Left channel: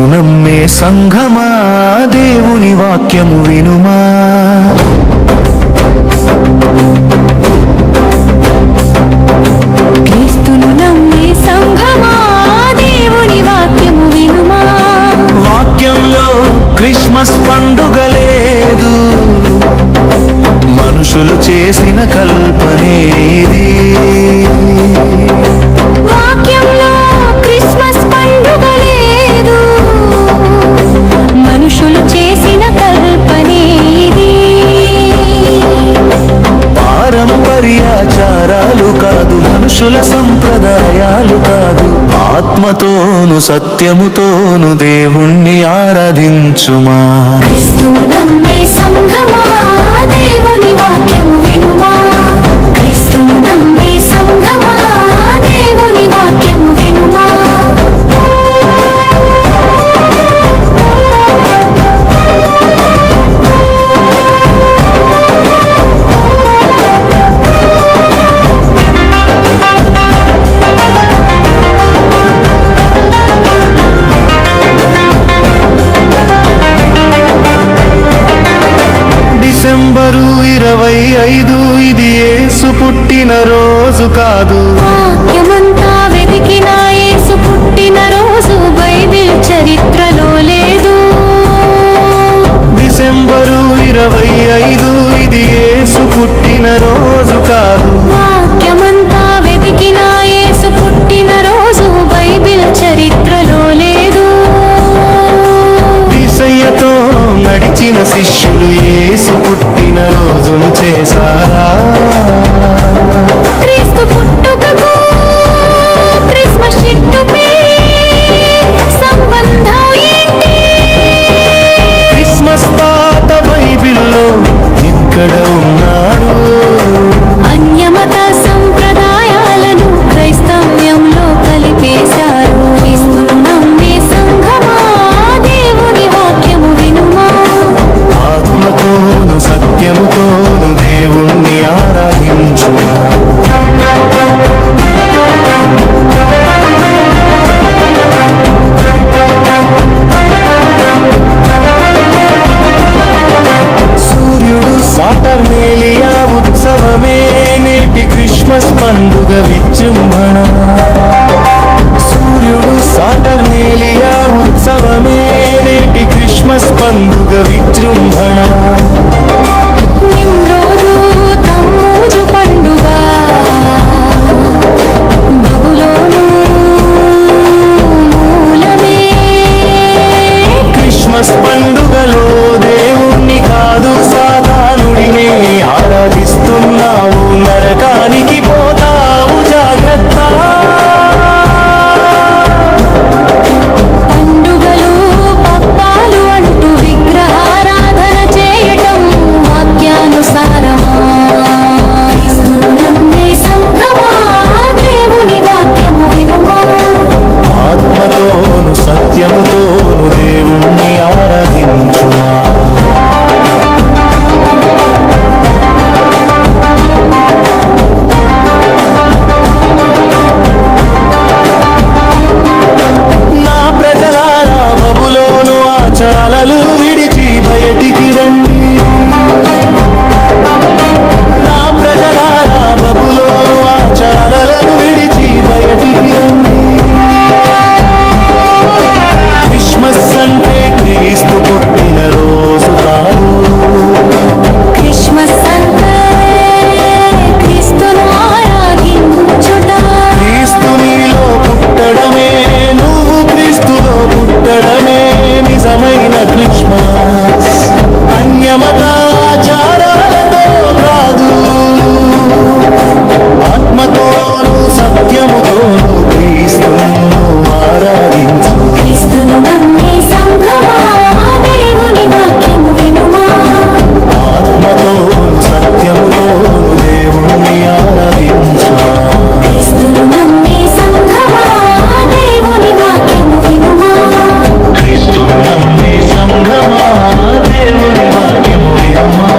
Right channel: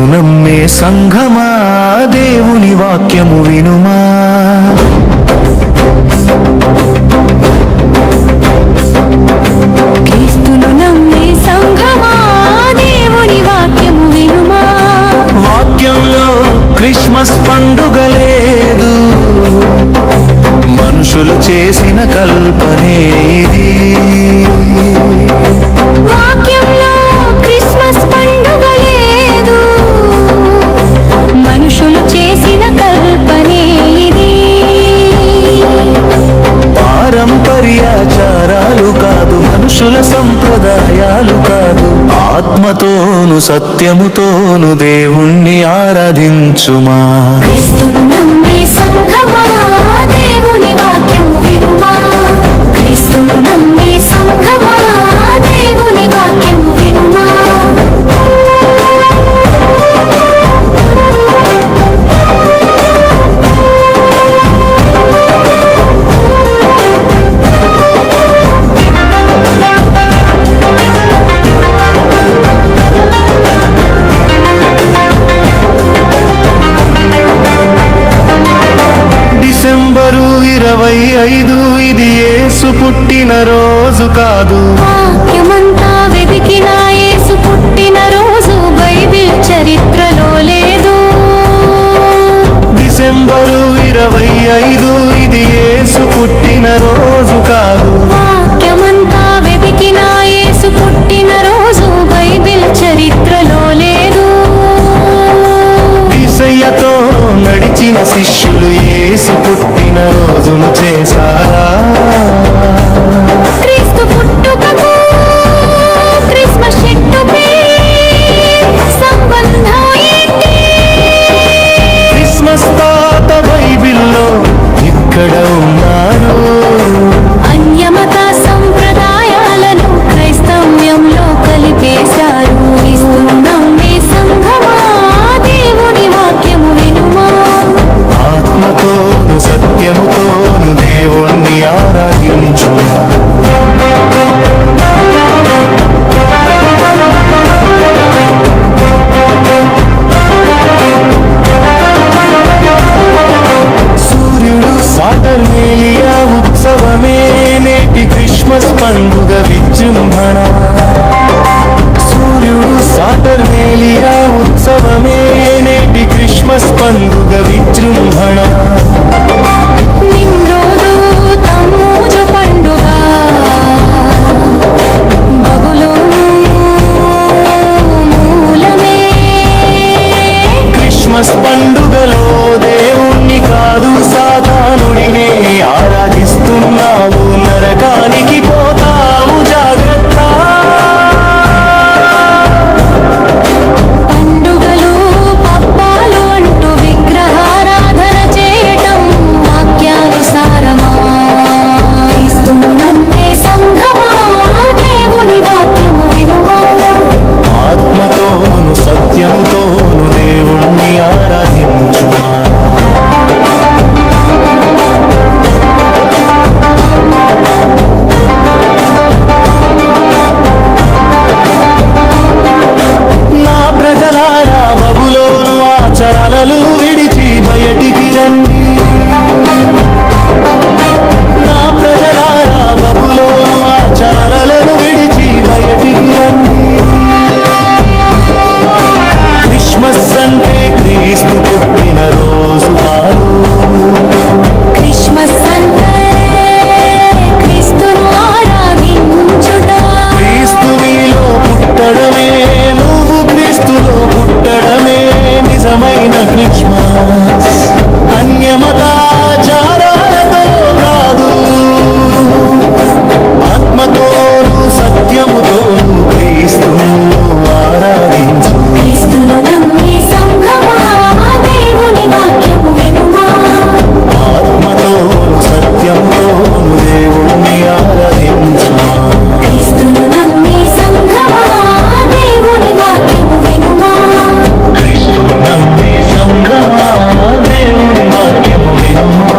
క్రీస్తును నమ్మే సంఘమా దేవుని వాక్యము వినుమా. క్రీస్తును నమ్మే సంఘమా దేవుని వాక్యము వినుమా. వాక్యంలో క్రిస్మస్ పండుగ లేదు, మనుషులు చేసిన కల్పనే ఇది. వాక్యంలో క్రిస్మస్ పండుగ లేదు, మనుషులు చేసిన కల్పనే ఇది. పారంపర్యాచారాలు కాదు, మనుషుల సంప్రదాయాలు కాదు, ఆత్మతోను సత్యముతోను దేవుణ్ణి ఆరాధించుమా. క్రీస్తును నమ్మే సంఘమా దేవుని వాక్యము వినుమా. క్రీస్తును నమ్మే సంఘమా దేవుని వాక్యము వినుమా. డిసెంబరు 25 ఇది యేసు పుట్టిన రోజు కాదు. వాక్యమంతా వెతికిన యేసు పుట్టిన రోజు బైబిల్ చరిత్రలో లేదు. డిసెంబరు 25 ఇది యేసు పుట్టిన రోజు కాదు. వాక్యమంతా వెతికిన యేసు పుట్టిన రోజు బైబిల్ చరిత్రలో లేదు. యేసయ్యతో నడిచిన శిష్యులు యేసు పుట్టిన రోజును చేశారా? క్రీస్తు పుట్టుకకు క్రిస్మస్ చెట్టుపై సంబంధం ఏంటి? క్రిస్మస్ తాత బైబిల్లో ఎక్కడ ఉన్నాడు? అన్యమత సంప్రదాయాలను క్రైస్తవ్యంలో కలిపేశారు. క్రీస్తును నమ్మే సంఘమా దేవుని వాక్యము వినుమా. ఆత్మతోను సత్యముతోను దేవుణ్ణి ఆరాధించుమా. సూర్యుడు సాటర్నేలియా ఉత్సవమే నేటి క్రిస్మస్ పండుగ విజృంభణ. సూర్యుడు సాటర్నేలియా ఉత్సవమే నేటి క్రిస్మస్ పండుగ విజృంభణ. నిమ్రోదు తమ్మూజు పండుగ బబులోను మూలమే. క్రిస్మస్ పండుగలో దేవుణ్ణి కాదు సాతానుడినే ఆరాధిస్తున్నావు, నరకానికి పోతావు జాగ్రత్త. పండుగలు పబ్బాలు అంటూ విగ్రహారాధన చేయటం వాక్యానుసారమా? క్రీస్తును నమ్మే సంఘమా దేవుని వాక్యము వినుమా. ఆత్మతోను సత్యముతోను దేవుణ్ణి ఆరాధించుమా. నా ప్రజలారా బబులోను ఆచారాలు విడిచి బయటికి రండి. నా ప్రజలారా బబులోను ఆచారాలను విడిచి బయటికి రండి. క్రిస్మస్ అంటే క్రీస్తు పుట్టిన రోజు కాదు. క్రిస్మస్ అంటే క్రీస్తును ఆరాధించుట. క్రీస్తు నీలో పుట్టడమే, నువ్వు క్రీస్తులో పుట్టడమే నిజమైన క్రిస్మస్. అన్యమతాచారాలతో కాదు, ఆత్మతోను సత్యముతోను క్రీస్తును ఆరాధించు. క్రీస్తును నమ్మే సంఘమా దేవుని వాక్యము వినుమా. ఆత్మతోను సత్యముతోను దేవుణ్ణి ఆరాధించుమా. క్రీస్తును నమ్మే సంఘమా దేవుని వాక్యము వినుమా. క్రీస్తును నమ్మే సంఘమా దేవుని వాక్యము వినుమా.